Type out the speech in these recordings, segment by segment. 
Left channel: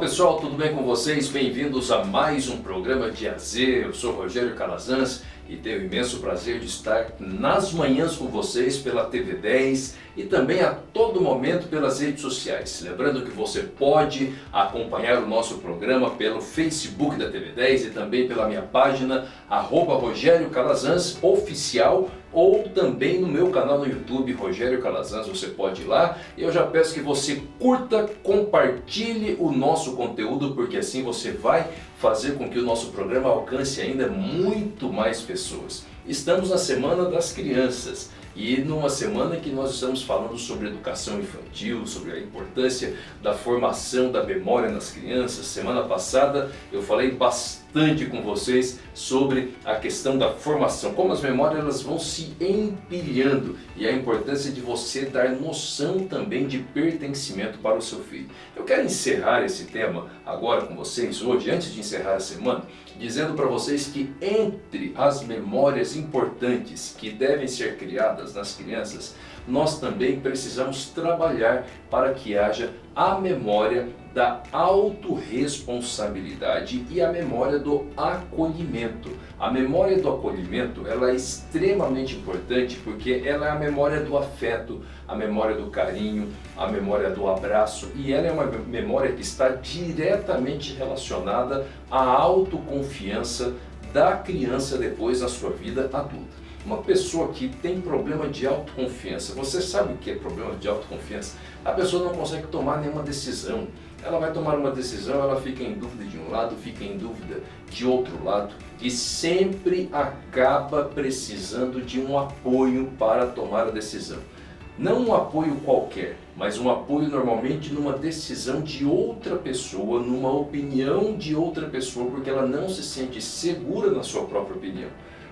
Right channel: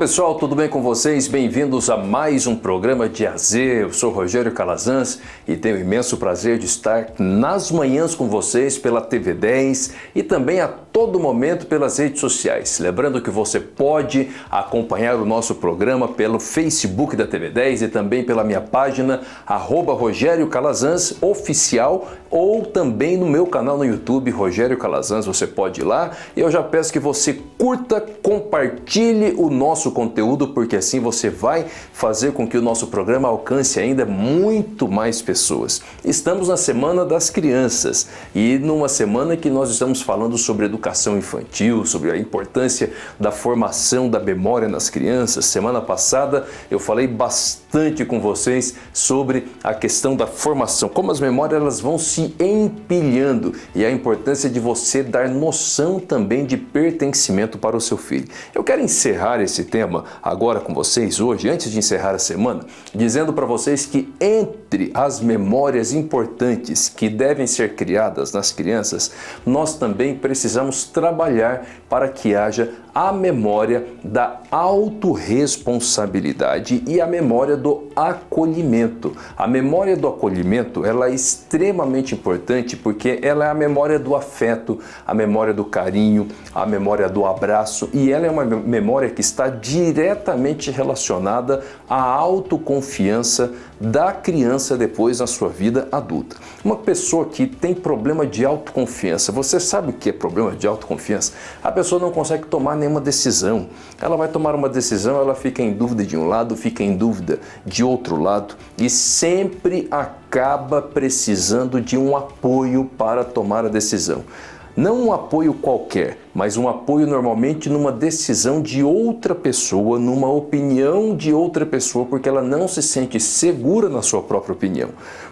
pessoal, tudo bem com vocês? Bem-vindos a mais um programa de AZ. Eu sou Rogério Calazans e tenho o imenso prazer de estar nas manhãs com vocês pela TV 10 e também a todo momento pelas redes sociais. Lembrando que você pode acompanhar o nosso programa pelo Facebook da TV 10 e também pela minha página @Rogério Calazans Oficial ou também no meu canal no YouTube, Rogério Calazans. Você pode ir lá e eu já peço que você curta, compartilhe o nosso conteúdo, porque assim você vai fazer com que o nosso programa alcance ainda muito mais pessoas. Estamos na Semana das Crianças e numa semana que nós estamos falando sobre educação infantil, sobre a importância da formação da memória nas crianças. Semana passada eu falei bastante com vocês sobre a questão da formação, como as memórias elas vão se empilhando e a importância de você dar noção também de pertencimento para o seu filho. Eu quero encerrar esse tema agora com vocês hoje, antes de encerrar a semana, dizendo para vocês que entre as memórias importantes que devem ser criadas nas crianças, nós também precisamos trabalhar para que haja a memória da autorresponsabilidade e a memória do acolhimento. A memória do acolhimento ela é extremamente importante porque ela é a memória do afeto, a memória do carinho, a memória do abraço e ela é uma memória que está diretamente relacionada à autoconfiança da criança depois na sua vida adulta. Uma pessoa que tem problema de autoconfiança, você sabe o que é problema de autoconfiança? A pessoa não consegue tomar nenhuma decisão. Ela vai tomar uma decisão, ela fica em dúvida de um lado, fica em dúvida de outro lado e sempre acaba precisando de um apoio para tomar a decisão. Não um apoio qualquer, mas um apoio normalmente numa decisão de outra pessoa, numa opinião de outra pessoa, porque ela não se sente segura na sua própria opinião.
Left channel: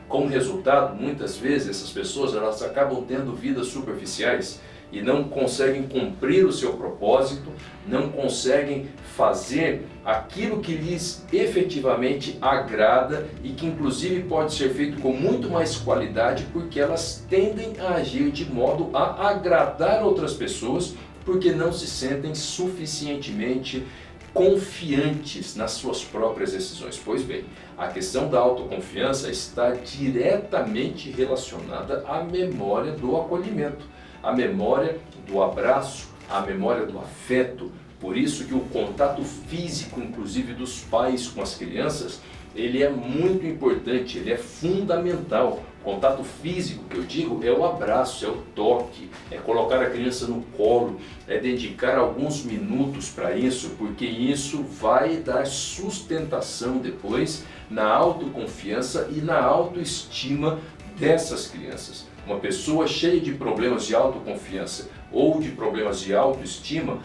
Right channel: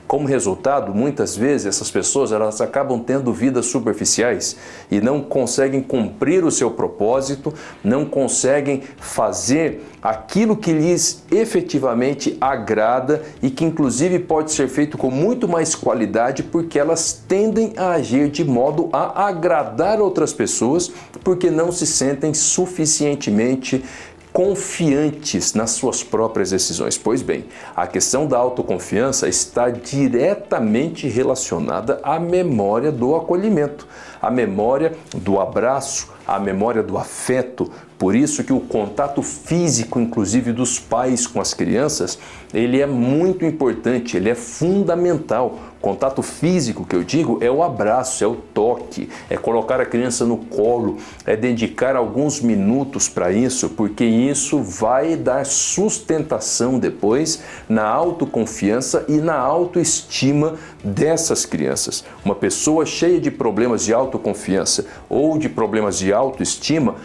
Como resultado, muitas vezes essas pessoas elas acabam tendo vidas superficiais e não conseguem cumprir o seu propósito, não conseguem fazer aquilo que lhes efetivamente agrada e que inclusive pode ser feito com muito mais qualidade porque elas tendem a agir de modo a agradar outras pessoas porque não se sentem suficientemente confiantes nas suas próprias decisões. Pois bem, a questão da autoconfiança está diretamente relacionada à memória do acolhimento, à memória do abraço, à memória do afeto. Por isso que o contato físico, inclusive dos pais com as crianças, ele é muito importante, ele é fundamental. Contato físico que eu digo é o abraço, é o toque, é colocar a criança no colo, é dedicar alguns minutos para isso, porque isso vai dar sustentação depois na autoconfiança e na autoestima dessas crianças. Uma pessoa cheia de problemas de autoconfiança ou de problemas de autoestima,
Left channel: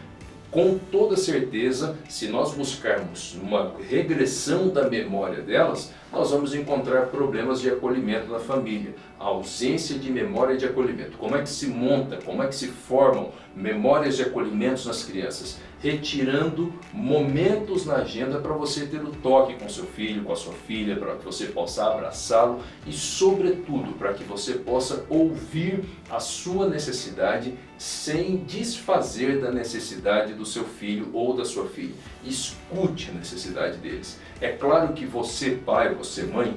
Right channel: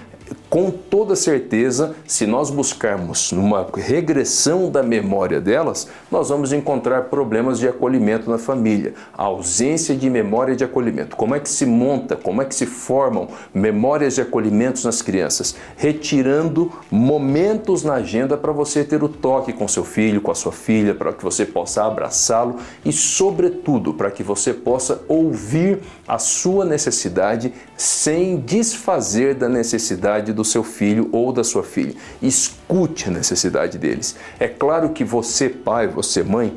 com toda certeza, se nós buscarmos numa regressão da memória delas, nós vamos encontrar problemas de acolhimento na família, a ausência de memória de acolhimento. Como é que se monta, como é que se formam memórias de acolhimentos nas crianças? Retirando momentos na agenda para você ter o toque com seu filho, com a sua filha, para que você possa abraçá-lo e, sobretudo, para que você possa ouvir a sua necessidade sem desfazer da necessidade do seu filho ou da sua filha. Escute a necessidade deles. É claro que você, pai, você, mãe,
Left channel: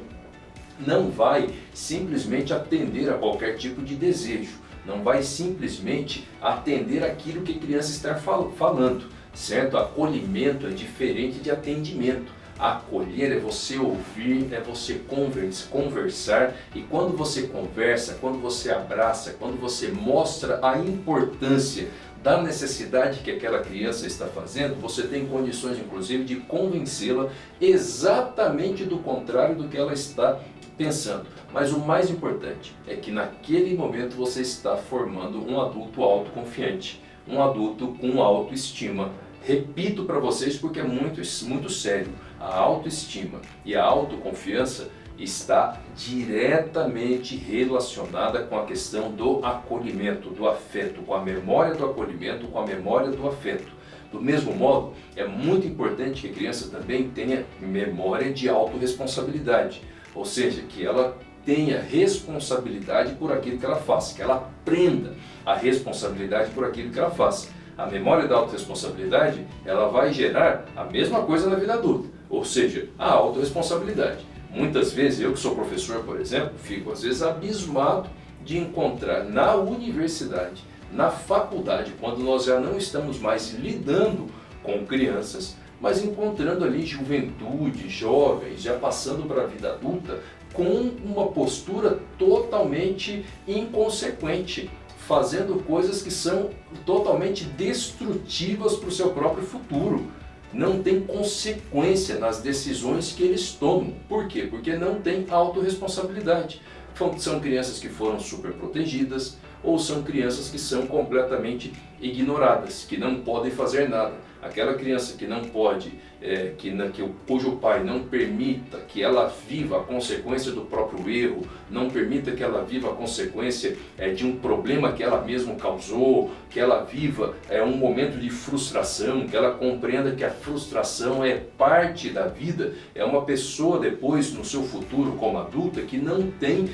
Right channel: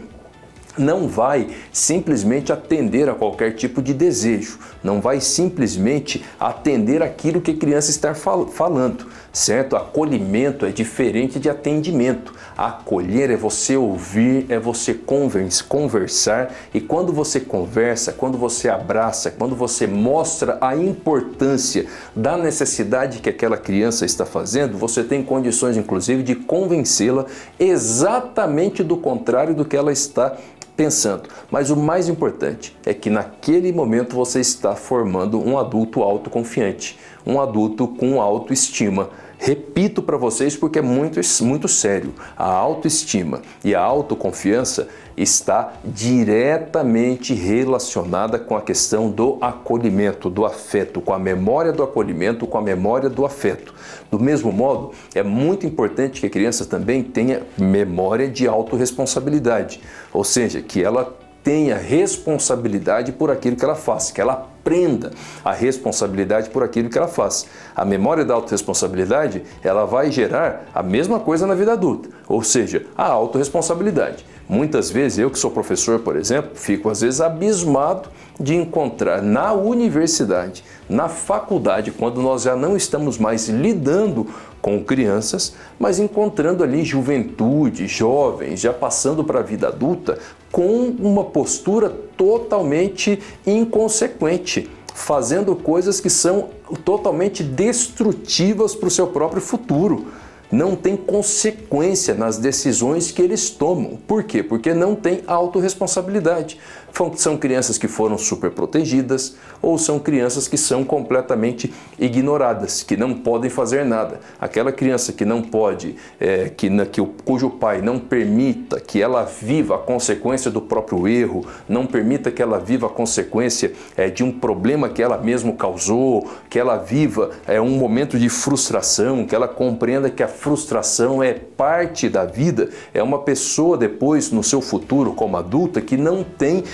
não vai simplesmente atender a qualquer tipo de desejo, não vai simplesmente atender aquilo que a criança está falando, certo? Acolhimento é diferente de atendimento. Acolher é você ouvir, é você conversar e quando você conversa, quando você abraça, quando você mostra a importância da necessidade que aquela criança está fazendo, você tem condições inclusive de convencê-la exatamente do contrário do que ela está pensando. Mas o mais importante é que naquele momento você está formando um adulto autoconfiante, um adulto com autoestima. Repito para vocês porque é muito sério. A autoestima e a autoconfiança está diretamente relacionada com a questão do acolhimento, do afeto, com a memória do acolhimento, com a memória do afeto. Do mesmo modo, é muito importante que a criança também tenha memória de autorresponsabilidade, ou seja, que ela tenha responsabilidade por aquilo que ela faz, que ela aprenda a responsabilidade por aquilo que ela faz. A memória da autorresponsabilidade, ela vai gerar a mesma coisa na vida adulta, ou seja, a autorresponsabilidade. Muitas vezes, eu que sou professor, por exemplo, fico às vezes abismado de encontrar na universidade, na faculdade, quando nós já não estamos mais lidando com crianças, mas encontrando ali juventude, jovens, já passando para a vida adulta, com uma postura totalmente inconsequente, fazendo coisas que são totalmente destrutivas para o seu próprio futuro. Não tem consequência nas decisões que eles tomam. Por quê? Porque não tem autorresponsabilidade. São crianças que foram super protegidas ou são crianças que são completamente ignoradas, que não podem fazer nada. Aquela criança que não pode, cujo pai não permita que ela viva a consequência do próprio erro, não permita que ela viva a consequência de um problema que ela mesma causou, que ela viva um momento de frustração, que ela compreenda que a frustração é parte da vida, é uma pessoa depois no seu futuro como adulta que não tem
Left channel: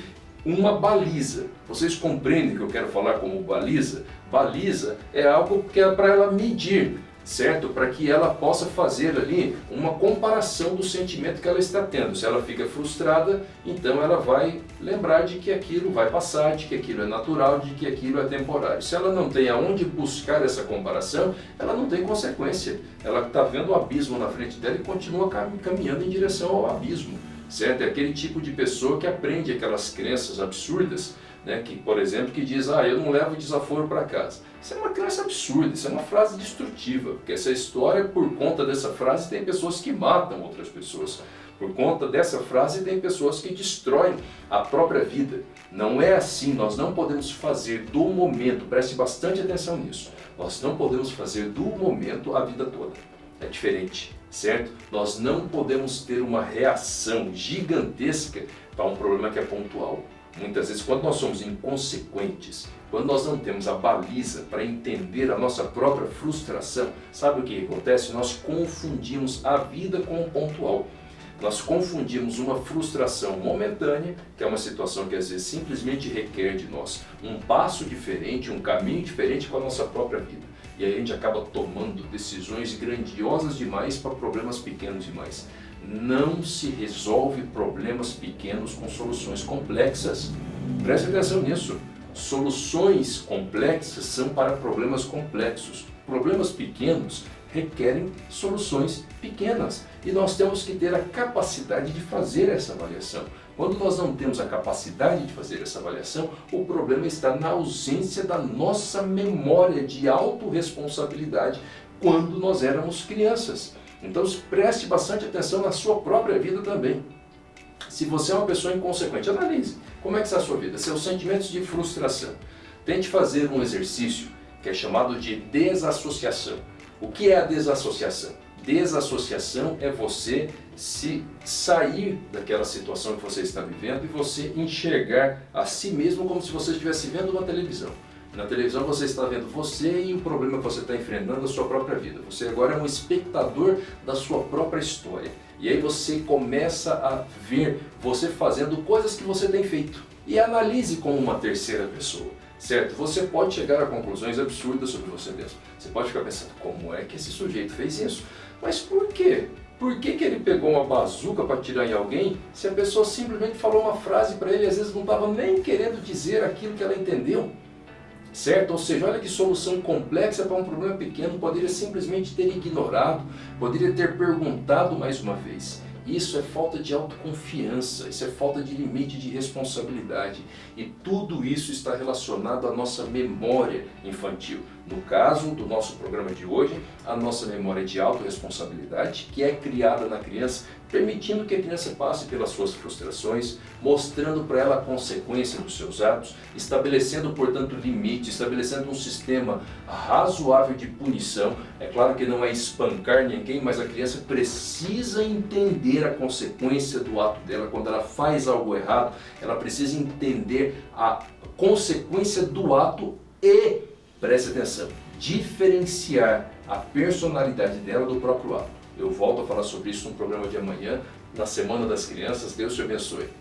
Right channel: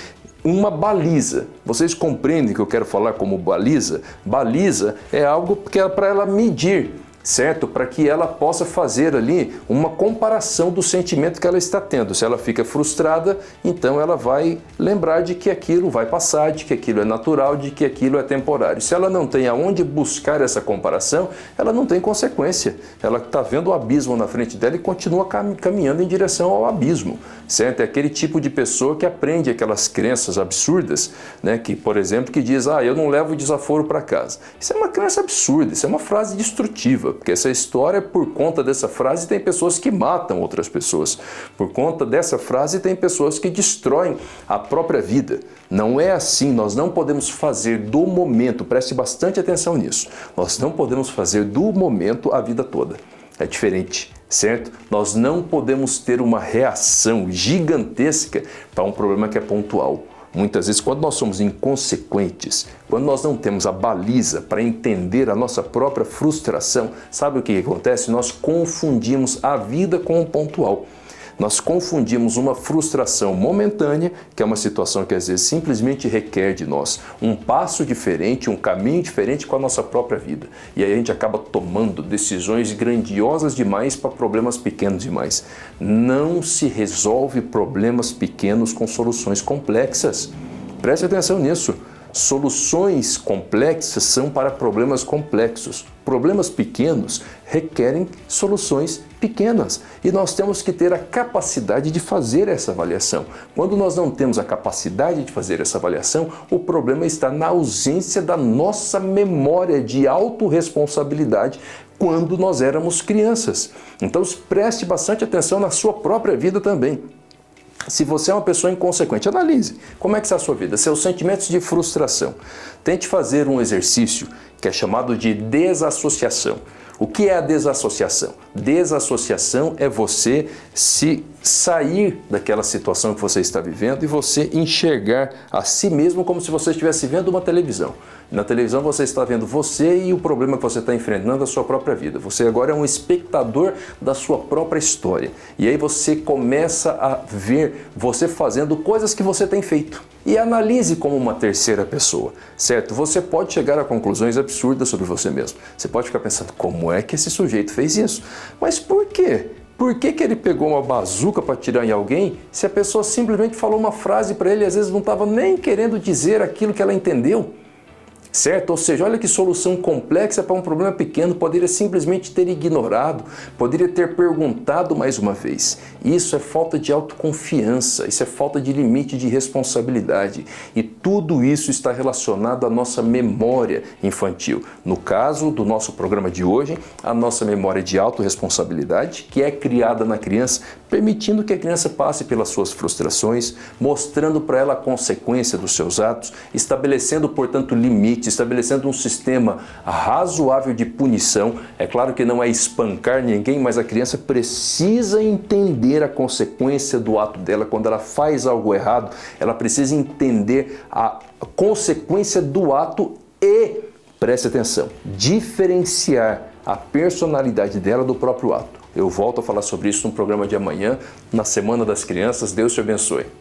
uma baliza. Vocês compreendem o que eu quero falar como baliza? Baliza é algo que é para ela medir, certo? Para que ela possa fazer ali uma comparação do sentimento que ela está tendo. Se ela fica frustrada, então ela vai lembrar de que aquilo vai passar, de que aquilo é natural, de que aquilo é temporário. Se ela não tem aonde buscar essa comparação, ela não tem consequência. Ela está vendo o abismo na frente dela e continua caminhando em direção ao abismo, certo? É aquele tipo de pessoa que aprende aquelas crenças absurdas, né? Que, por exemplo, que diz, eu não levo desaforo para casa. Isso é uma crença absurda, isso é uma frase destrutiva, porque essa história, por conta dessa frase, tem pessoas que matam outras pessoas. Por conta dessa frase, tem pessoas que destroem a própria vida. Não é assim, nós não podemos fazer do momento, preste bastante atenção nisso, nós não podemos fazer do momento a vida toda. É diferente, certo? Nós não podemos ter uma reação gigantesca para um problema que é pontual. Muitas vezes, quando nós somos inconsequentes, quando nós não temos a baliza para entender a nossa própria frustração, sabe o que acontece? Nós confundimos a vida com o pontual. Nós confundimos uma frustração momentânea, que é uma situação que às vezes simplesmente requer de nós um passo diferente, um caminho diferente com a nossa própria vida. E aí a gente acaba tomando decisões grandiosas demais para problemas pequenos demais. Não se resolve problemas pequenos com soluções complexas. Preste atenção nisso. Soluções complexas são para problemas complexos. Problemas pequenos requerem soluções pequenas. E nós temos que ter a capacidade de fazer essa avaliação. Quando nós não temos a capacidade de fazer essa avaliação, o problema está na ausência da nossa memória de autorresponsabilidade quando nós éramos crianças. Então preste bastante atenção na sua própria vida também. Se você é uma pessoa inconsequente, analise como é que está a sua vida, seus sentimentos de frustração. Tente fazer um exercício que é chamado de desassociação. O que é a desassociação? Desassociação é você se sair daquela situação que você está vivendo e você enxergar a si mesmo como se você estivesse vendo uma televisão. Na televisão você está vendo você e o problema que você está enfrentando na sua própria vida. Você agora é um espectador da sua própria história. E aí você começa a ver você fazendo coisas que você tem feito. E analise como uma terceira pessoa, certo? Você pode chegar a conclusões absurdas sobre você mesmo. Você pode ficar pensando, como é que esse sujeito fez isso? Mas por quê? Por que ele pegou uma bazuca para atirar em alguém se a pessoa simplesmente falou uma frase para ele e às vezes não estava nem querendo dizer aquilo que ela entendeu? Certo? Ou seja, olha que solução complexa para um problema pequeno, poderia simplesmente ter ignorado, poderia ter perguntado mais uma vez. Isso é falta de autoconfiança, isso é falta de limite de responsabilidade. E tudo isso está relacionado à nossa memória infantil. No caso do nosso programa de hoje, a nossa memória de autorresponsabilidade, que é criada na criança, permitindo que a criança passe pelas suas frustrações, mostrando para ela a consequência dos seus atos, estabelecendo, portanto, limites, estabelecendo um sistema razoável de punição. É claro que não é espancar ninguém, mas a criança precisa entender a consequência do ato dela. Quando ela faz algo errado, ela precisa entender a consequência do ato e, preste atenção, diferenciar a personalidade dela do próprio ato. Eu volto a falar sobre isso no programa de amanhã, na Semana das Crianças. Deus te abençoe.